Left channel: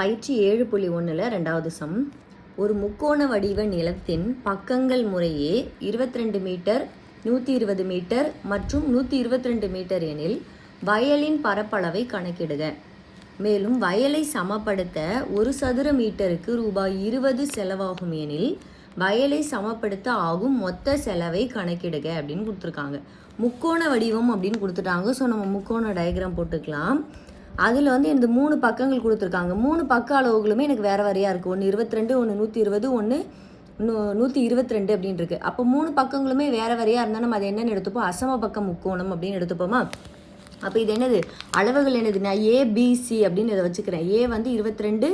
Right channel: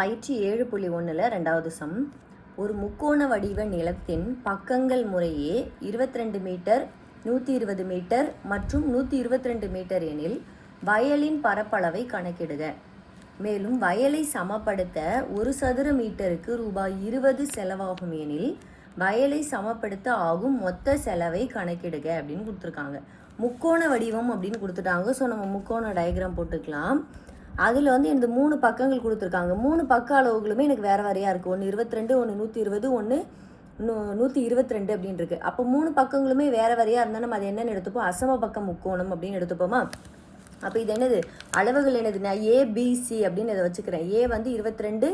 பயிற்சி 7.1ல் 2வது சம். ஒரு முக்கோண வடிவ நிலத்தின் பக்கங்கள் முறையே 22 மீட்டர், 120 மீட்டர் மற்றும் 122 மீட்டர் எனில் வயலின் பரப்பளவை கணக்கிடுக. மேலும் வயலை சமப்படுத்த ஒரு சதுர மீட்டருக்கு ரூபாய் 20 செலவாகும் எனில் வயலை சமப்படுத்த ஆகும் மொத்த செலவை கணக்கிடுக அப்படின்னு கொடுத்துருக்காங்க. முக்கோண வடிவம் அப்படின்னு கொடுத்துட்டாங்க. ஸோ நம்ம முக்கோண டயக்ராம் போட்டுக்கலாம். அதில் இந்த 3 பக்கங்கள் கொடுத்துருக்காங்க. 3 பக்க அளவுகளுமே எனக்கு வேறு வேறையாக இருக்குது. ஒன்று 22, ஒன்று 120, ஒன்று 122 அப்படின்னு இருக்குது. அப்போ 3 பக்கங்களுமே வேறு வேறையாக இருந்தால் நம்ம அது என்னென்னு எடுத்துப்போம்? அசம பக்க முக்கோணம் அப்படின்னு எடுத்துப்போமா? அப்போ இது என்னது? அளவுகள் என்னது? நான் ஏபிசி அப்படின்னு இதை வச்சுக்கிறேன். ஏ 22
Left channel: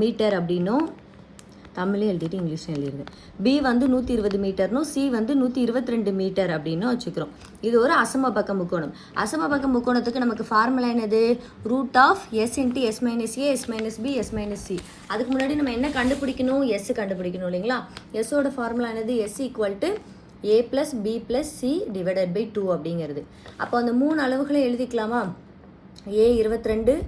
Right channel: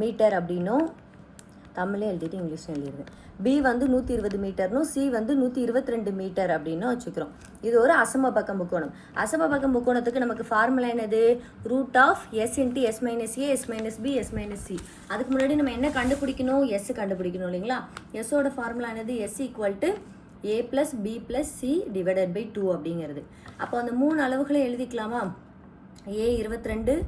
மீட்டர் அப்படின்னும் தமிழையும் எழுதிட்டு இங்கிலீஷும் எழுதிருக்கேன். பி 120 மீட்டர்னும் சி 122 மீட்டர் அப்படின்னு வச்சுக்கிறோம். இது ஒரு அசம பக்க முக்கோணம். அசம பக்க முக்கோணத்துக்கு நமக்கு ஃபார்முலா என்னது? Root of S into S minus A, S minus B, S minus C. அதுக்கு முன்னாடி நம்ம என்ன கண்டுபிடிக்கணும்? எஸ் கண்டுபிடிக்கணும் இல்லைங்களா? எஸ்ஸோட ஃபார்முலா என்னது? S equal to A plus B plus C divided by 2 அப்படிங்கிறது. அப்போ அந்த 3 அளவுகளை எழுதிக்கலாமா? A 22,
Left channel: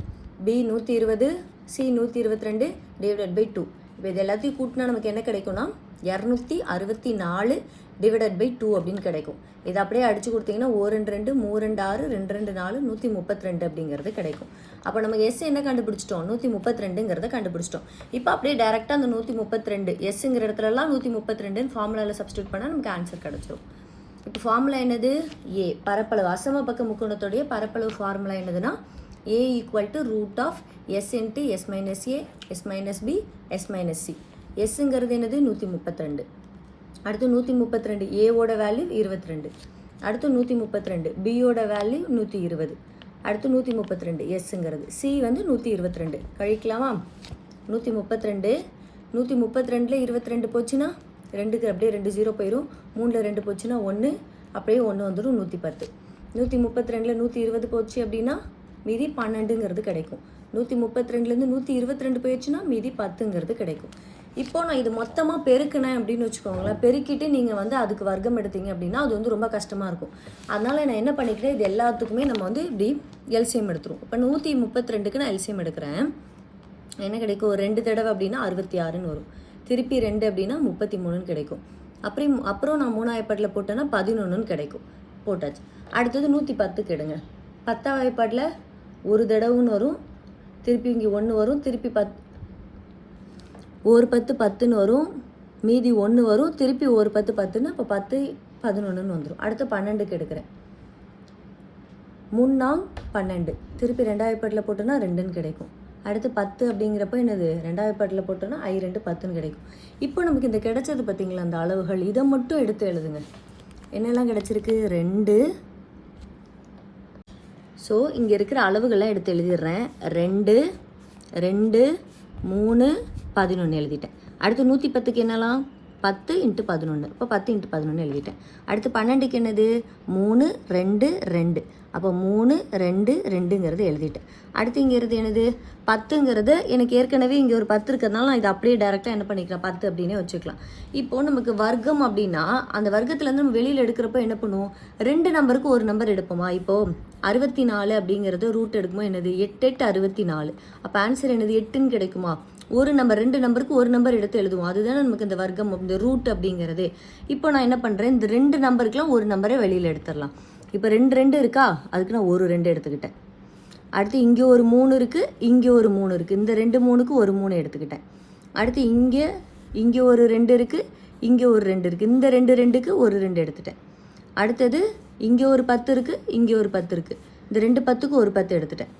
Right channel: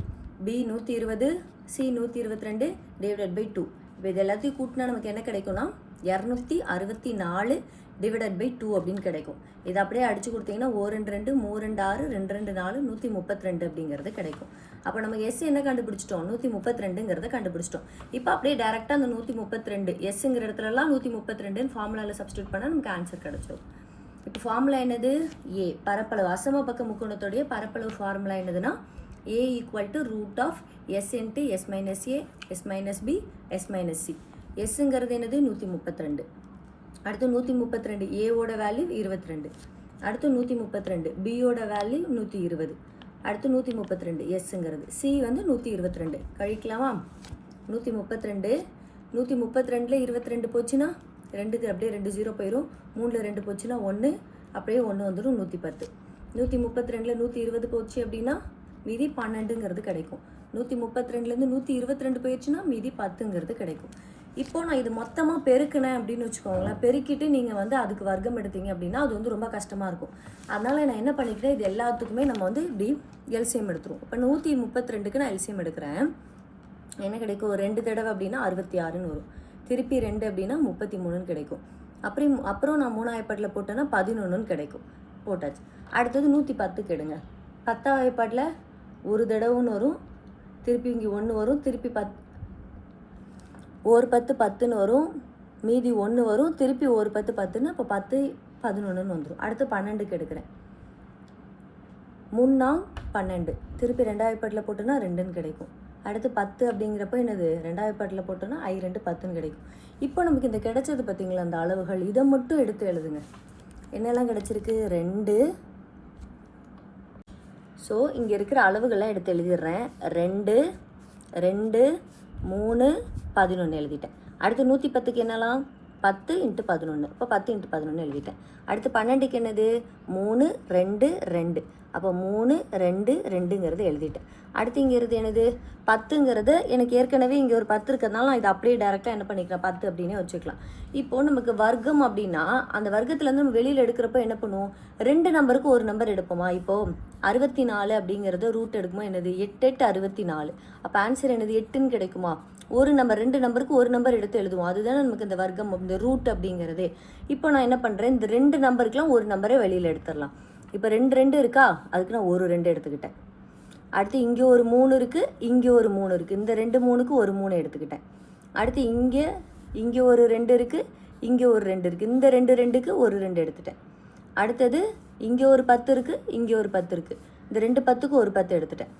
B 120, C 122 divided by 2. இப்போ இது எல்லாத்தையும் கூட்டினா நமக்கு என்ன கிடைக்கும்னா 264 டிவைடட் பை 2 அப்படின்னு கிடைக்கும். இதை அப்படியே அடிச்சு கொடுத்தீங்கன்னா 1 2 3 2 6 2 2 4 132 அப்படிங்கிறது கிடைக்கும். அப்போ நம்ம எஸ் என்ன கண்டுபிடிச்சிட்டோம்? 132ங்கிறத கண்டுபிடிச்சிட்டோம். இப்போ அப்படியே டேரெக்டாக அந்த 132 எஸ்ங்கிற இடத்துலலாம் 132ன்னு ஃபார்முலாவில் சப்ஸ்டியூட் பண்ணால் நமக்கு ஆன்சர் கிடைச்சிடும். இப்போ ஃபார்முலா என்னது? ஏ பரப்பளவு. அசம பக்க முக்கோணத்துடைய பரப்பளவு ஃபார்முலா என்னதுன்னா A equal to root of S into S minus A, S minus B, S minus C. Sங்கிறது என்னது? 132. அடுத்து 132 A ஓட வேல்யூ 22. அடுத்து 132 B ஓட வேல்யூ 120. அடுத்து 132 Sங்கிறது. C 122. கழிக்கலாமா? 132 132ல் 22 போச்சுன்னா 2க்கு அப்படியே 2 0 போயிடும். 3ல் 2 போச்சுன்னா 1, அப்படியே 1 வந்துடும். 110. 132ல் 120 போச்சு அப்படின்னா மீதி 12ங்கிறது கிடைக்கும். 132லேருந்து 122 போயிடுச்சுன்னா மீதி 10ங்கிறது கிடைக்கும். இப்போ நான் இது மொத்தமாக பெருக்கினேன் அப்படின்னு வச்சுக்கோங்களேன். பெருக்கிட்டு நீங்கள் அதுக்கு வர்க்கம் எடுத்தீங்க அப்படின்னா அது ரொம்ப கஷ்டமாக இருக்கும். அதனால் நான் என்ன பண்ணிக்கிறேன்? இது எல்லாத்துக்குமே நம்ம இப்படி எல்சிஎம் எடுத்துருவோம். இப்போ 132க்கு நான் எல்சிஎம் எடுக்கிறேன். என்ன கிடைக்கும்? 2 தடவை அப்படின்னா 66ன்னு வரும். திருப்பி 2 அப்படின்னா 33ன்னு கிடைக்கும். அப்புறம் நான் 3 வாய்ப்பாட்டில் போட்டேன்னா 11ன்னு கிடைக்கும். போட்டாச்சு. அடுத்தது 110க்கு எடுங்க. 10 வாய்ப்பாட்டில் ஒரு தடவைன்னு வரும். திருப்பி இங்கே 1 வரும். திருப்பி 10 ஒரு 10 10ன்னு வரும். மீதி 1 வரும். திருப்பி ஒரு 10 10ன்னு, அப்போ 10 11ன்னு வந்துடும். அடுத்து 12க்கு எடுக்கிறேன். 3 நாங் 12. திருப்பி 2 வாய்ப்பாட்டில் போட்டோன்னா 2ன்னு கிடைக்கும். அடுத்து 10 அப்படிங்கிறப்ப என்னது? 2 வாய்ப்பாட்டில் போட்டோன்னா I2 10ன்னு கிடைக்கும். இப்போ நமக்கு இந்த கிடைச்சது பார்த்தீங்களா அந்த அளவுகள், இதை மட்டும் எடுத்து எழுதுங்க. என்னெல்லாம் கிடைச்சிருக்கு? 2. ஸோ இங்கே இருக்கிற அளவுகள்லாம் எடுத்து எழுதிடுறேன். 2 2 3 11 எழுதிட்டேன். அடுத்து 110க்கு என்னலாம்? 10 × 11. இப்போ 10 × 11 எழுதிட்டேன். அடுத்து 12க்கு என்னது? 3 2 2. அப்போ 3 2 2ங்கிறது எழுதிட்டேன். அடுத்து இங்கே இருந்து என்னது? 10ங்கிறது எனக்கு ஏற்கனவே இங்கே ஒரு 10 இருக்கிறதுனால நான் இதை அப்படியே டேரெக்டாக என்ன பண்ணிக்கலாம்? 10 அப்படின்னே வச்சுக்கலாம். இப்போது நமக்கு வர்க்கம் அப்படின்னா அந்த வர்க்கத்துலேருந்து நம்ம வெளியில் எடுக்கிறப்ப என்ன பண்ணுவோம்? 2 நம்பருக்கு ஒரு நம்பர் எடுப்போமா? இப்போது 64 அப்படிங்கிறது ரூட் எடுக்குமா? என்னது? 8 8 64. அப்போ ஆன்சர் என்னது? 8ன்னு கிடைக்குமா? ஒரு நம்பர் 2 நம்பருக்கு ஒரு நம்பர் எடுத்து எழுதுவோம். அதுதானே நமக்கு இந்த வர்க்கம், இந்த ரூட் அப்படிங்கிறது. இப்போ நான் என்ன பண்ணுறேன்? இந்த 2 நம்பருக்குலாம் ஒரு நம்பரை வெளியில் எடுத்துடலாம். இப்போ 2 2 இருக்கா? அதுக்கு நான் ஒரு 2 எடுத்துக்கிட்டேன். அடுத்து இங்கே ஒரு 3 இருக்குது, இங்கே ஒரு 3 இருக்குது. இந்த 2 3க்கு ஒரு 3 எடுத்துக்கிட்டேன். அடுத்து இங்கே ஒரு 2 இருக்குது, இங்கே ஒரு 2 இருக்குது. இந்த 2 2க்கு ஒரு 2 எடுத்துட்டேன். அடுத்தது இங்கே ஒரு 10 இருக்குது, இங்கே ஒரு 10 இருக்குது. இந்த 2 10க்கு ஒரு 10 எடுத்துட்டேன்.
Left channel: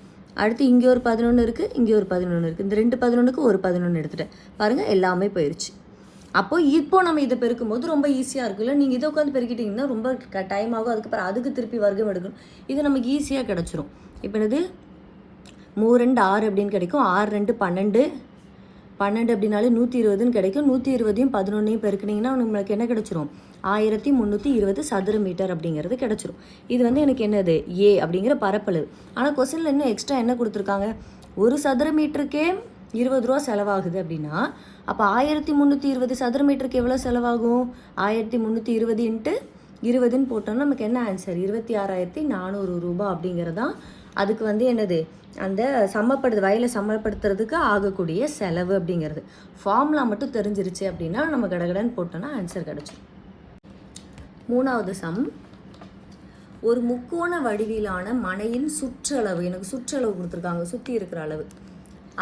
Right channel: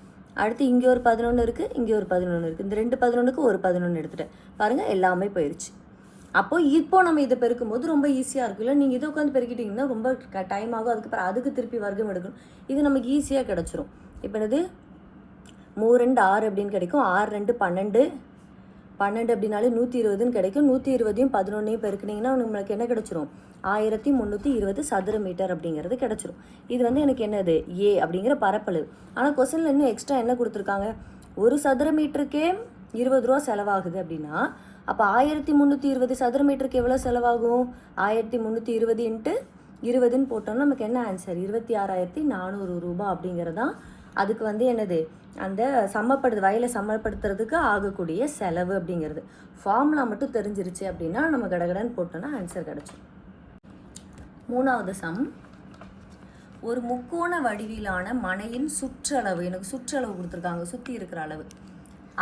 அடுத்து இங்கே ஒரு 11 இருக்குது, இங்கே ஒரு 11 இருக்குது. இந்த 2 11க்கு ஒரு 11 எடுத்துட்டேன். பாருங்கள், எல்லாமே போயிடுச்சு. இப்போ நம்ம இதை பெருக்கும்போது ரொம்ப ஈஸியாக இருக்குல்ல? நீங்கள் இதை உட்காந்து பெருக்கிட்டிங்கன்னா ரொம்ப டைம் ஆகும். அதுக்கப்புறம் அதுக்கு திருப்பி வர்க்கம் எடுக்கணும். இது நமக்கு ஈஸியாக கிடச்சிரும். இப்போ என்னது? 3 2 6 அப்படின்னு கிடைக்கும். 6 2 12. 12 அப்படின்னாலே 120ன்னு கிடைக்கும். 120ஐயும் 11ஐயும் பெருக்கினீங்கன்னா நம்மளுக்கு என்ன கிடச்சிரும்? 1320 சதுர மீட்டர் அப்படிங்கிறது கிடச்சிரும். இது எனக்கு என்னது? ஏ அப்படிங்கிற பரப்பளவு. ஆனால் கொஸ்டினில் இன்னும் எக்ஸ்ட்ரா என்ன கொடுத்துருக்காங்க? ஒரு சதுர மீட்டருக்கே 20 ரூபா செலவாகுது அப்படின்னா அப்போ 1320 சதுர மீட்டருக்கு எவ்வளோ செலவாகும்? 1320 × 20ன்னு போட்டோம்னா நமக்கு என்ன ஆன்சர்? 26,400 ரூபாய் அப்படிங்கிறதான் அதுக்கு வந்து என்னது அந்த வயலை சமப்படுத்துறதுக்கு ஆகக்கூடிய செலவு அப்படிங்கிறது. ஃபார்முலா மட்டும் தெரிஞ்சிருச்சு அப்படின்னா நம்ம கடகடன்னு போட்டோன்னா ஆன்சர் கிடச்சிடும். 3வது சம். ஒரு முக்கோண வடிவிலான மனையின் சுற்றளவு, எனக்கு சுற்றளவு கொடுத்துருக்காங்க, சுற்றி இருக்கிற அளவு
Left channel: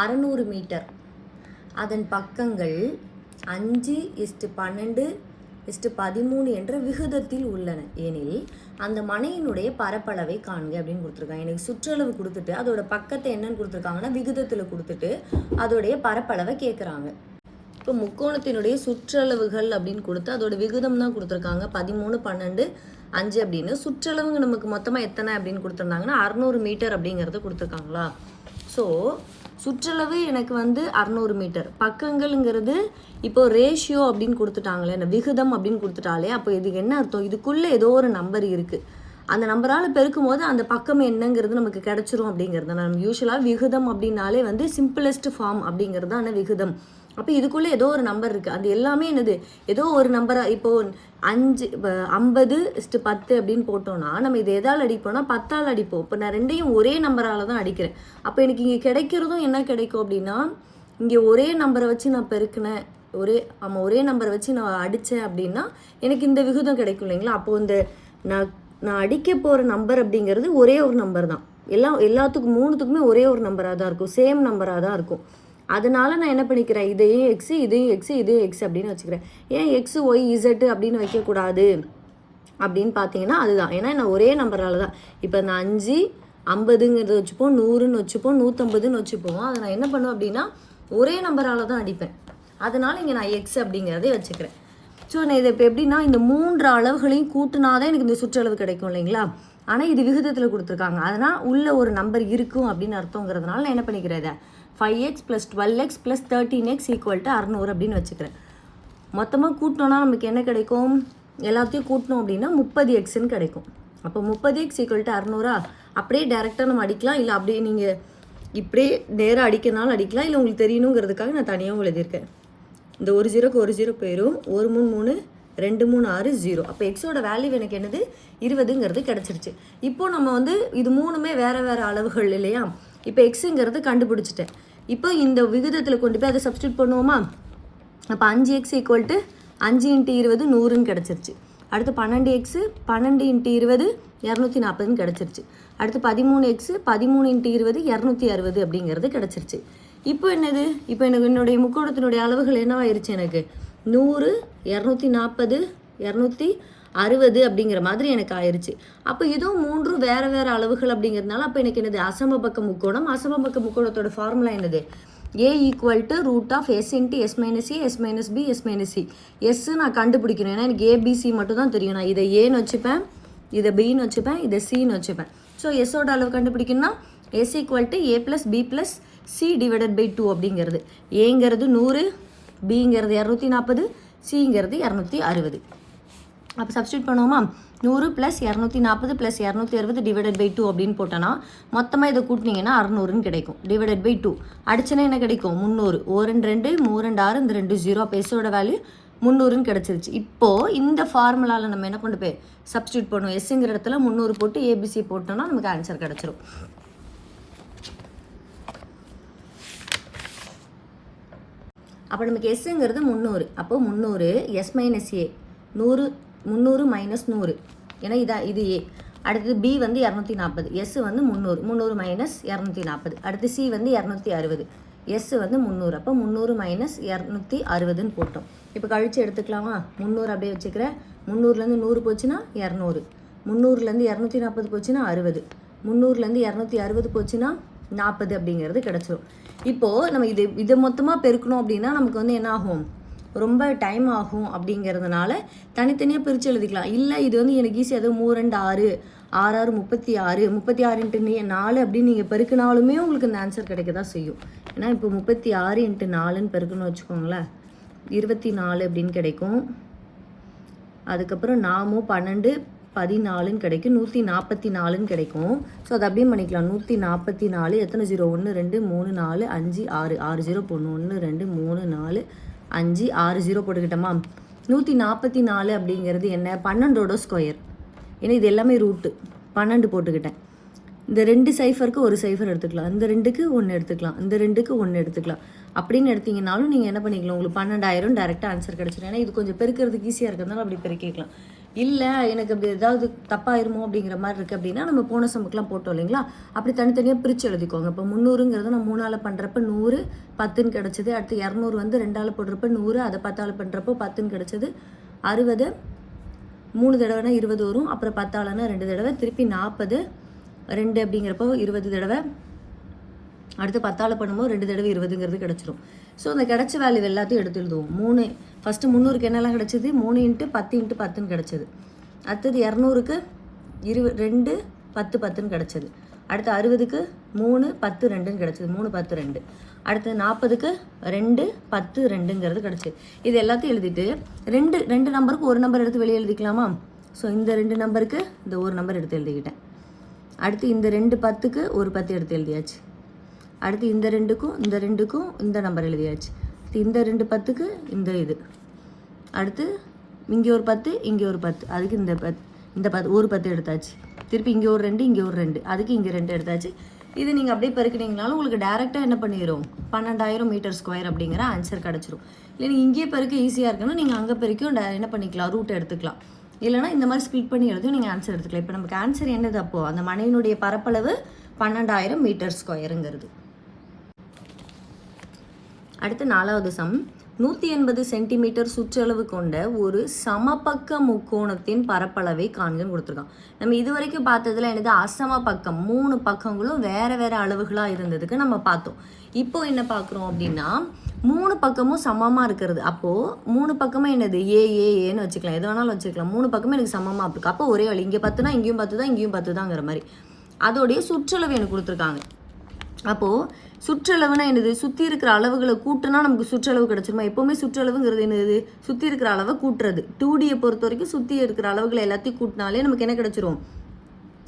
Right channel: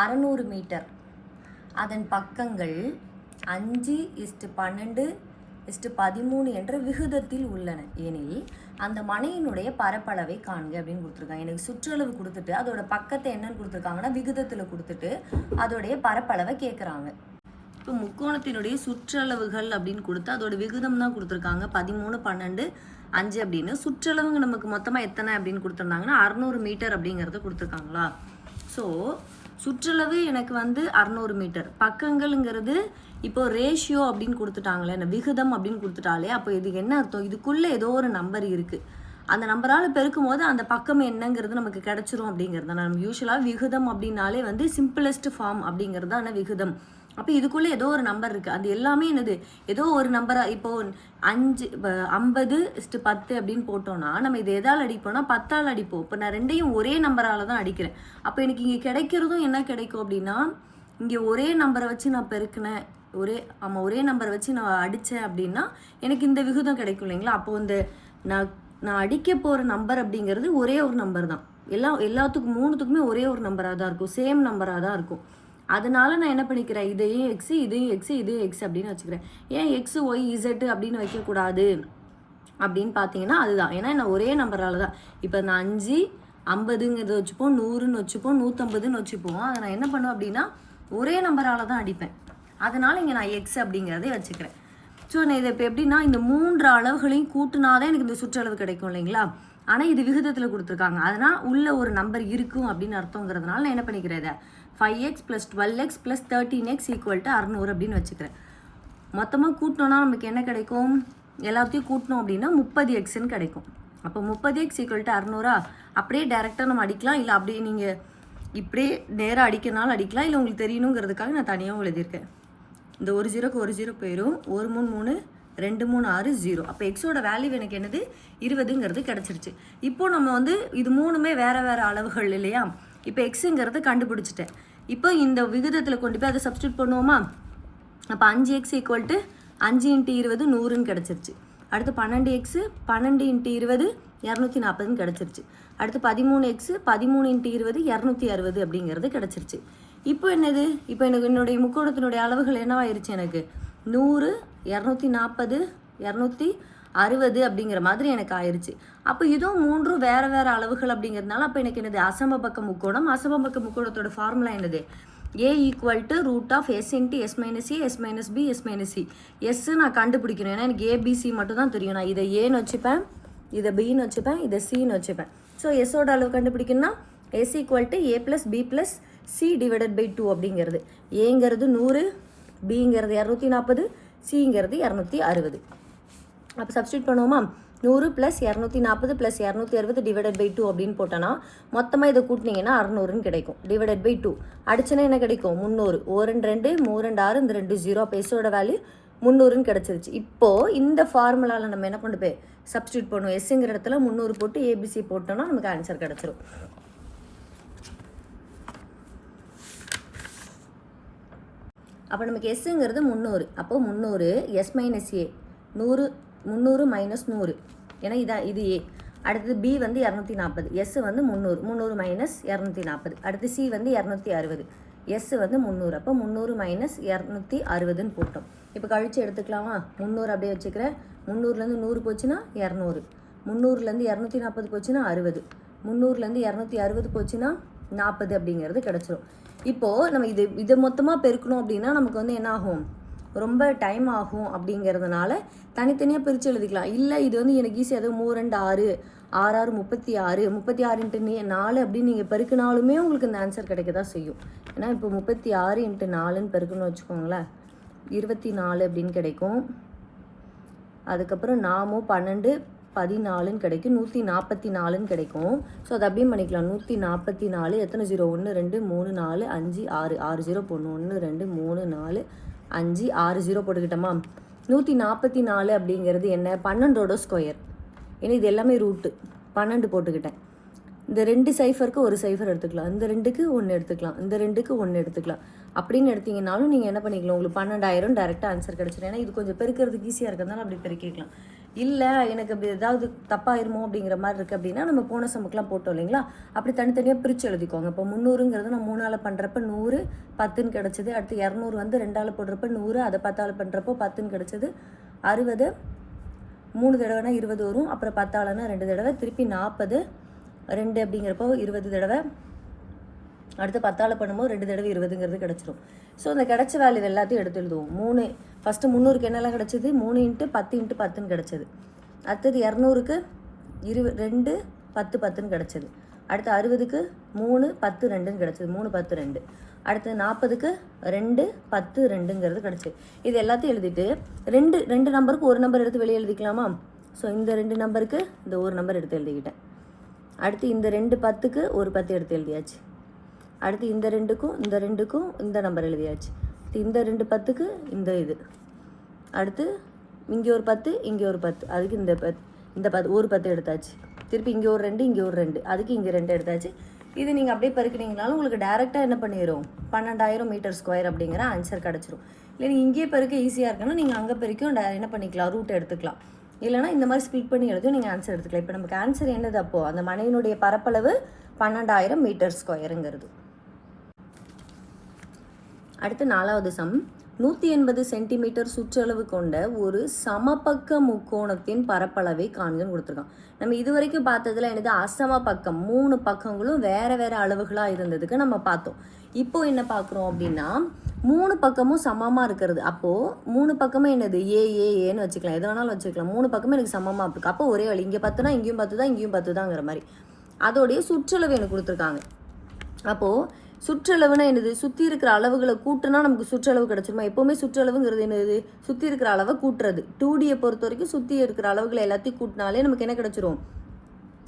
600 மீட்டர். அதன் பக்கங்கள் 5:12:13 என்ற விகிதத்தில் உள்ளன எனில் அந்த மனையினுடைய பரப்பளவை காண்க அப்படின்னு கொடுத்துருக்காங்க. எனக்கு சுற்றளவு கொடுத்துட்டு அதோட பக்கத்தை என்னன்னு கொடுத்துருக்காங்கன்னா விகிதத்தில் கொடுத்துட்டு அதோடைய பரப்பளவை கேட்குறாங்க. இப்போ முக்கோணத்தினுடைய சுற்றளவுகள் அப்படின்னு கொடுத்து அதோட விகிதம் தான் கொடுத்துருக்காங்க 13, 12, 5 அப்படின்னு. சுற்றளவுங்க நமக்கு மொத்தமாக எத்தனை அப்படின்னு கொடுத்துருந்தாங்கன்னா 600 மீட்டர் அப்படிங்கிறத கொடுத்துருக்காங்களா. ஸோ சுற்றளவு எனக்கு வந்து 600 மீட்டர், பக்கங்கள்ங்கிறது இப்போ ரேஷியோ அப்படின்னு கொடுத்துட்டாங்களே, இந்த விகிதம் அப்படின்னு கொடுத்துட்டாலே அப்போ இதுக்கு என்ன அர்த்தம், இதுக்குள்ளே ஏதோ ஒரு நம்பர் இருக்குது, அந்த நம்பரால் பெருக்கும் போது அந்த பக்கம் என்னங்கிறது நமக்கு கிடைச்சிரும் அப்படிங்கிறது தான். நம்ம யூஸ்வலாக விகிதம் அப்படின்னாலே வந்து சிம்பிளஸ்ட் ஃபார்ம் அப்படிங்கிறது தான் விகிதம். அப்போ இதுக்குள்ளே ஏதோ ஒரு நம்பர் இருக்குது, அது எல்லாமே என்னது ஏதோ ஒரு நம்பராக. இப்போது 50:10 அப்படின்னு போட்டோம்னா நம்ம இது எதால் அடிப்போம்னா 10ஆல் அடிப்போம். இப்போ நான் ரெண்டையும் ஒரே நம்பரால் தான் அடிக்கிறேன். அப்போ எனக்கு இங்கே கிடைக்கிறதும் என்ன கிடைக்கும் அப்படின்னா, இங்கே ஒரே நம்பரை வச்சு நான் பெருக்கினேன், ஒரே நம்பரை வச்சு நான் அடித்தேன் அப்படின்னா எனக்கு இந்த விகிதம் கிடைக்கும் இல்லைங்களா. அப்போ இந்த நான் அடிக்க போகிற நம்பர் அப்படிங்கிறது ஒரே ஒரு நம்பர் தான். எல்லாத்துக்கும் 3த்துக்குமே ஒரே ஒரு நம்பராக தான் இருக்கும், சேம் நம்பராக தான் இருக்கும். அதனால நான் என்ன பண்ணிக்கிறேன், இதையும் எக்ஸு இதையும் எக்ஸு இதையும் எக்ஸ் அப்படின்னு வச்சுக்கிறேன். ஏன் எக்ஸு ஒய் இசட்டு அப்படின்னு வைக்கக்கூடாது அப்படின்னு பார்த்தீங்கன்னா அதுதான், ஏன்னா நான் ஒரே நம்பரால் தான். இப்போ இந்த 5, 50ங்கிறத வச்சுப்போம், 100ன்னு வச்சுப்போம், 150ன்னு வச்சுப்போம். அதை நான் என்ன பண்ணுவேன் அப்படின்னா ஒரே நம்பரால் தான் அடிப்பேன். அதனால் இங்கே நான் எக்ஸ் அப்படிங்கிறதே வச்சுக்கிறேன். ஸோ நான் இதை இப்போ எப்படின்னா இந்த 3 அளவுகளையும் கூட்டினாதான் எனக்கு இந்த சுற்றளவு கிடைக்கும் இல்லைங்களா. ஆனால் இது விகிதத்தில் கொடுத்துருக்காங்க, அதனால் உள்ள ஒரு நம்பர் இருக்கும் அப்படின்னு அர்த்தங்கிறதுனால நான் என்ன பண்ணிக்கிறேன், இதை 5x + 12x + 13x = 600 அப்படின்னு வச்சுக்கிறேன். மொத்தமாக கூட்டினோன்னா நமக்கு என்ன கிடைக்கும், எல்லாத்தையும் கூட்டினோம் அப்படின்னா 30xன்னு கிடைக்கும். அப்போ 30x = 600. அப்படியே டேரெக்டாக நம்ம அடிக்கலாம், இல்லை அப்படியே நீங்கள் இப்படியே நேராக அடிக்கிறனாலும் அடிக்கலாம், இல்லை உங்களுக்கு தெரியணுங்கிறதுக்காக நான் தனியாகவும் எழுதியிருக்கேன். இந்த ஒரு 0க்கு ஒரு 0 போயிடும், 1 3 3 2 3 6 0. அப்போ எக்ஸோட வேல்யூ எனக்கு என்னது 20ங்கிறது கிடச்சிருச்சு. இப்போது நம்ம வந்து இது 3மே வேறு வேறு அளவுகள் இல்லையா. இப்போ எக்ஸுங்கிறது கண்டுபிடிச்சிட்டேன். இப்போ இந்த விகிதத்தில் கொண்டு போய் அதை சப்ஸ்டியூட் பண்ணுவோமா. அப்போ 5x = 5 × 20 100ன்னு கிடச்சிருச்சு. அடுத்து 12x 12 × 20 240ன்னு கிடச்சிருச்சு. அடுத்து 13x 13 × 20 260 அப்படிங்கிறது கிடச்சிருச்சு. இப்போ என்னது, இப்போ எனக்கு என்னுடைய முக்கோணத்தினுடைய அளவுகள் என்னவாயிருச்சு, எனக்கு 100 240 260 அப்படிங்கிற மாதிரி எனக்கு ஆயிடுச்சு. அப்போ இதுவும் 3 வேறு வேறு அளவுகள் அப்படிங்கிறதுனால அப்போ எனக்கு என்னது அசமபக்க முக்கோணம். அசமபக்க முக்கோணத்தோட ஃபார்முலா என்னது, a = √s × s - a s - b s - c. S நான் கண்டுபிடிக்கணும், ஏன்னா எனக்கு ABC மட்டும் தான் தெரியும். நான் இதை ஏன்னு வச்சுப்பேன், இதை பின்னு வச்சுப்பேன், இதை சின்னு வச்சுப்பேன். ஸோ எஸ்ஸோட அளவு கண்டுபிடிக்கணும்னா s = a + b + c / 2 அப்படிங்கிறது. ஏங்கிறது 100, பிங்கிறது 240, சிங்கிறது 260. அப்போ சப்ஸ்டியூட் பண்ணுவோமா. 100 + 240 + 260 / 2 அப்படின்னு போட்டோன்னா மொத்தமாக இதை கூட்டினீங்கன்னா 600ன்னு கிடைக்கும். / 2 அடிச்சுன்னா என்ன கிடைக்கும், 300. 1 2 3 2 6 இந்த 2 0. அப்போ எஸ்ஸோட வேல்யூ 300ன்னு கிடச்சிருச்சு. இப்போது இந்த ஃபார்முலாவில் நம்ம என்ன கொண்டு போய் சப்ஸ்டியூட் பண்ணுவோம், எஸ்ஸுங்கிற இடத்துல 300 போட்டு ஏபிசி போட்டோம்னா நமக்கு ஆன்சர் கிடச்சிரும். அப்போ நமக்கு எஸ்ஸுங்கிறது 300. அப்போது 300 s - a 100 300 - 100, ஏன்னா இது ஏ. அடுத்தது பி வந்து 240, எஸ் வந்து 300 300 - 240. அடுத்து சி வந்து 260, எஸ் வந்து 300. அப்போ 300 - 260ன்னு போட்டோம். இப்போ கழிச்சு எடுத்துக்கலாமா. 300 அப்படியே வச்சுக்கிறேன். 300லேருந்து 100 போச்சுன்னா 200, 300லேருந்து 240 போச்சுன்னா 60, 300லேருந்து 260 போச்சுன்னா 40 அப்படிங்கிறது கிடச்சிரும். இப்போது நம்ம இதை மொத்தமாக பெருக்கணும் அப்படின்னா நமக்கு வந்து என்ன ஆகும், ரொம்ப டைம் ஆகும். அப்படிங்கிறதுனால தனித்தனியாக பிரித்து எழுதிக்கலாம். இல்லை இது வந்து எனக்கு ஈஸி, அதுவும் 3 2 6 6 36 36 × 4 அப்படின்னு நீங்கள் பெருக்கினாலுமே உங்களுக்கு இந்த ஆன்சர் கிடைக்க தான் செய்யும். ஏன்னா இப்போ 36 × 4ன்னு பெருக்கணும்னு வச்சுக்கோங்களேன், 24 அப்படின்னு கிடைக்கும். அதுக்கப்புறம் 12 14ன்னு கிடைக்கும், 144ன்னு கிடைக்கும். ஸோ அது அப்படியே பண்ணிக்கலாம். 144 எத்தனை 0, 1 2 3 4 5 6 6 0 போடணும். 1 2 3 4 5 6 0 போட்டுக்கிட்டோமா. 144 அப்படிங்கிறது என்ன, 12ஓட ஸ்கொயர். ஏன்னா இது எல்லாமே ரூட்டு 12 போட்டுக்கிட்டேன். இந்த 2 சைஃபருக்கு ஒரு சைஃபர் எடுத்துக்கலாம், இந்த 2க்கு 1 எடுத்துக்கலாம், இந்த 2க்கு 1 எடுத்துக்கலாம். அப்படின்னு எடுத்தீங்கன்னாலும் நீங்கள் என்ன பண்ணிக்கலாம், உங்களுக்கு 12,000 டேரெக்டாக ஆன்சர் கிடச்சிடும். ஏன்னா இது கொஞ்சம் பெருக்கிறதுக்கு ஈஸியாக இருக்கிறதுனால அப்படி பெருக்கிக்கலாம். இல்லை எனக்கு அப்படி ஏதாவது தப்பாயிருமோ அப்படிங்கிற மாதிரி இருக்குது அப்படின்னா நம்ம போன சம்புக்கெலாம் போட்டோம் இல்லைங்களா, அப்படி தனித்தனியாக பிரித்து எழுதிக்கோங்க. இப்போ 300ங்கிறது நான் 3ஆல் பண்ணுறப்ப 100 10ன்னு கிடச்சிது. அடுத்து 200 வந்து 2ஆல் போடுறப்ப 100, அதை 10ஆல் பண்ணுறப்போ 10ன்னு கிடச்சிது. 60 3 தடவைனா 20 வரும், அப்புறம் 10ஆலனா 2 தடவை, திருப்பி 40 2 அப்படிங்கிறப்போ 20 தடவை, அடுத்து 10ஆல் பண்ணும்போது 2 தடவை 20ங்கிறது கிடச்சிரும். ஸோ அந்த கிடச்ச வேல்யூ எல்லாத்தையும் எடுத்து எழுதுவோம். 3 ஃபஸ்ட்டு 300க்கு என்னெல்லாம் கிடச்சிது, 3 × 10 × 10ன்னு கிடச்சிது. அடுத்தது 200க்கு 2 10 10ன்னு கிடச்சிது. அடுத்து 60க்கு 3 10 2ன்னு கிடச்சிது, 3 10 2. அடுத்து 40க்கு 2 10 2ங்கிறது கிடச்சிது. இது எல்லாத்தையும் எழுதிட்டு ரெண்டு நம்பருக்கு ஒரு நம்பர் எடுத்து வெளியே எழுதிக்கலாமா? ஸோ இந்த 2 நம்பருக்கு இந்த ஒரு நம்பர் எடுத்து எழுதிக்கிட்டேன். அடுத்து இந்த 2 10க்கு ஒரு 10 எடுத்து எழுதியாச்சு. அடுத்து இந்த 2க்கும் இந்த நம்பர் எழுதியாச்சு. இந்த 2 10க்கு இந்த இது. அடுத்து இங்கே ஒரு 10 இங்கே ஒரு 10, அதுக்கு இந்த 10 ஒரு 10 எடுத்தாச்சு. திருப்பி இங்கே ஒரு 2 இங்கே ஒரு 2, அதுக்கு இங்கே 2 எடுத்தாச்சு. இது நீங்கள் அப்படியே பெருக்கினீங்கனாலும் உங்களுக்கு டேரெக்டாக என்ன பண்ணிடும், 12,000 மீட்டர் ஸ்கொயர் அப்படிங்கிற ஆன்சர் கிடச்சிரும். இல்லை நீங்கள் இங்கேயே பெருக்க ஈஸியாக இருக்குன்னா நீங்கள் அங்கே பெருக்கும் என்ன பண்ணிக்கலாம், ரூட் எடுத்துக்கலாம். இல்லைனா இந்த மாதிரி ஸ்ப்ளிட் பண்ணி எழுதி நீங்கள் ஆன்சர் எடுத்துக்கலாம். இப்போ நமக்கு ஆன்சர் என்னது, அப்போது அந்த மனையினுடைய பரப்பளவு 12,000 மீட்டர் ஸ்கொயருங்கிறது. அடுத்து 4வது சம், 180 சென்டிமீட்டர் சுற்றளவு கொண்ட ஒரு சமபக்க முக்கோணத்தின் பரப்பளவை காண்கன்னு கொடுத்துருக்கோம். நம்ம இதுவரைக்கும் பார்த்ததுல எனக்கு அசம பக்கம் 3 பக்கங்களும் வேற வேற அளவுகளாக இருந்ததுக்கு நம்ம பார்த்தோம். இப்போ என்ன பார்க்குறோம் அப்படின்னா 3 பக்கமும் சமமாக இருக்கிறது. அப்போது 3 பக்கமும் என்னது ஏன்னு வச்சுக்கலாம், எது வேணாலும் வச்சுக்கலாம். 3 பக்கமும் எனக்கு சமமாக இருக்குது. அப்போ ஒரே வழி, இங்கே 10னா இங்கேயும் 10 தான், இங்கேயும் 10 தாங்கிற மாதிரி. அதோடைய சுற்றளவு எனக்கு கொடுத்துருக்காங்க. அப்போது சுற்றளவுனா என்னது, சுற்றி இருக்கிற அளவுகளை கூட்டுனா நமக்கு சுற்றளவு கிடச்சிருமா? எப்போவுமே சுற்றளவுங்கிறது என்னது, சுற்றி இருக்கிற அளவை கூட்டுறது. 2Dயை பொறுத்த வரைக்கும் சுற்றி இருக்கிற அளவுகளை எல்லாத்தையும் கூட்டினாலே நமக்கு என்ன கிடச்சிரும்,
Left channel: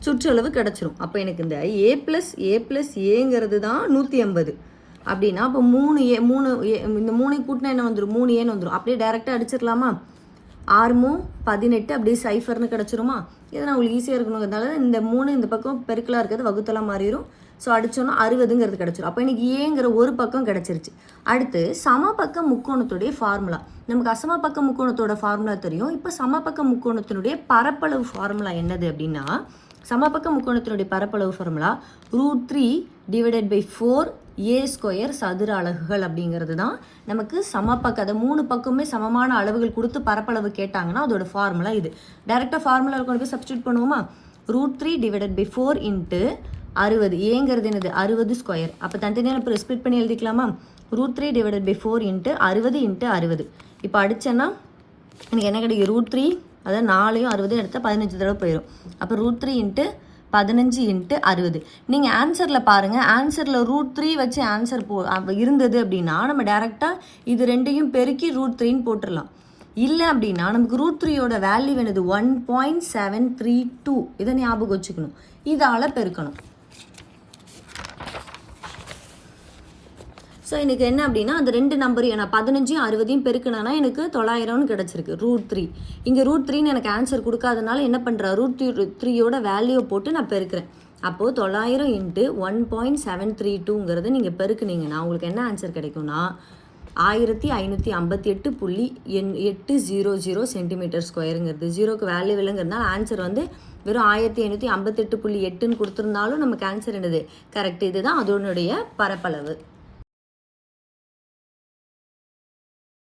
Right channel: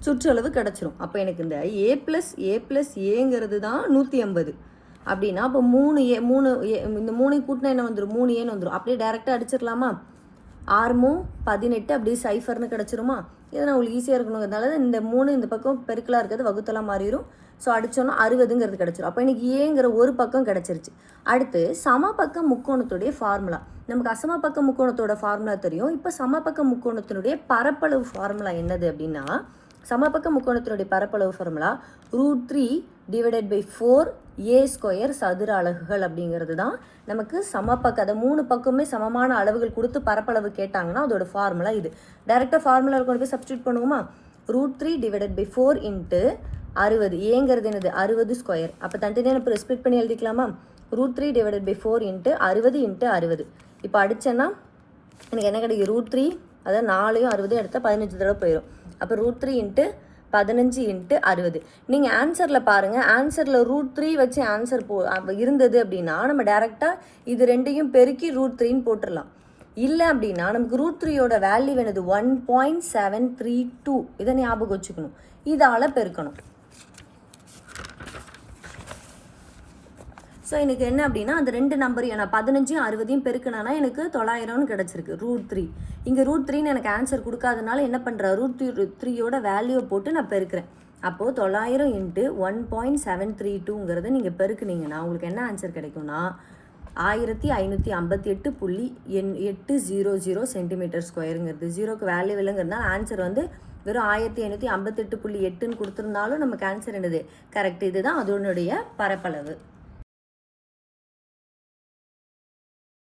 சுற்றளவு கிடச்சிரும். அப்போ எனக்கு இந்த A+A+Aங்கிறது தான் 180 அப்படின்னா அப்போ 3A இந்த 3 கூட்டினா என்ன வந்துடும், 3Aன்னு வந்துடும். அப்படியே டேரெக்டாக அடிச்சிடலாமா? 6 18 அப்படியே சைஃபர்னு கிடச்சிருமா? இதை நான் உங்களுக்கு ஈஸியாக இருக்கணுங்கிறதுனால இந்த 3 இந்த பக்கம் பெருக்கலாக இருக்கிறது வகுத்தலாம் மாறிடும். ஸோ அடித்தோன்னா 60ங்கிறது கிடச்சிரும். அப்போ எனக்கு ஏங்கிற ஒரு பக்கம் கிடச்சிருச்சு. அடுத்து சமபக்க முக்கோணத்துடைய ஃபார்முலா. நமக்கு அசமபக்க முக்கோணத்தோட ஃபார்முலா தெரியும். இப்போ சமபக்க முக்கோணத்தினுடைய பரப்பளவு ஃபார்முலா என்னது அப்படின்னா, சமபக்க முக்கோணத்தினுடைய பரப்பளவு ஃபார்முலா √3 ÷ 4a² சதுர அலகுகள் அப்படிங்கிறது தான் நமக்கு சமபக்க. அதை 3 பக்கமே சமமான அளவுகள் கொடுத்து பரப்பளவு கேட்டாங்கன்னா அதோட ஃபார்முலா இது. டைரெக்டாக ஃபார்முலா கொண்டு போய் சப்ஸ்டியூட் பண்ணுவோமா? √3 ÷ 4 × 60. ஏங்கிறது என்னது, 60². அப்போ தனித்தனியாக இப்போ ஸ்ப்ளிட் பண்ணி எழுதிக்கலாமா? √3 ÷ 4 × 60 × 60. இப்போ அடித்தேன்னா எனக்கு என்ன கிடைக்கும், √3 அதாவது 4யும் 60 எடுத்தால் 15 தடவை போயிடும். அப்போ √3 × 15 × 60. நீங்கள் ஆன்சரில் பாருங்கள், ஆன்சரில் √3 வச்சு ஆன்சர் இருந்தது அப்படின்னா நம்ம டேரெக்டாக இது ரெண்டையும் பெருக்கி √3ன்னு போட்டுடலாம். இல்லை அப்படின்னா நமக்கு √3யோட வேல்யூ என்னது 1.732. இதை ஞாபகம் வச்சுக்கணும். இதால் பெருக்கணும். ஸோ எனக்கு என்ன அப்படின்னா அந்த 2 நம்பரையும் நான் 15யும் 60யும் பெருக்கினேன்னா எனக்கு 900ன்னு கிடச்சிருக்கு √3. இங்கே √3ன்னு எனக்கு ஆன்சர் கொடுக்காதனால என்ன பண்ணுறேன், √3யோட வேல்யூவை போட்டு நான் பெருக்கிறேன். அப்போது 900 × 1.732ங்கிறத நீங்கள் பெருக்குனீங்கன்னா உங்களுக்கு என்ன ஆன்சர் கிடைக்கும்னா 1558.800 சென்டிமீட்டர் ஸ்கொயருங்கிறது. 0க்கு வேல்யூ இல்லைங்கிறதுனால ஆன்சர் வந்து வெறும் 1558.8ன்னு கொடுத்துருந்தாலும் நமக்கு ஆன்சர் என்னது, கரெக்ட். இதுதான் அதனுடைய பரப்பளவு.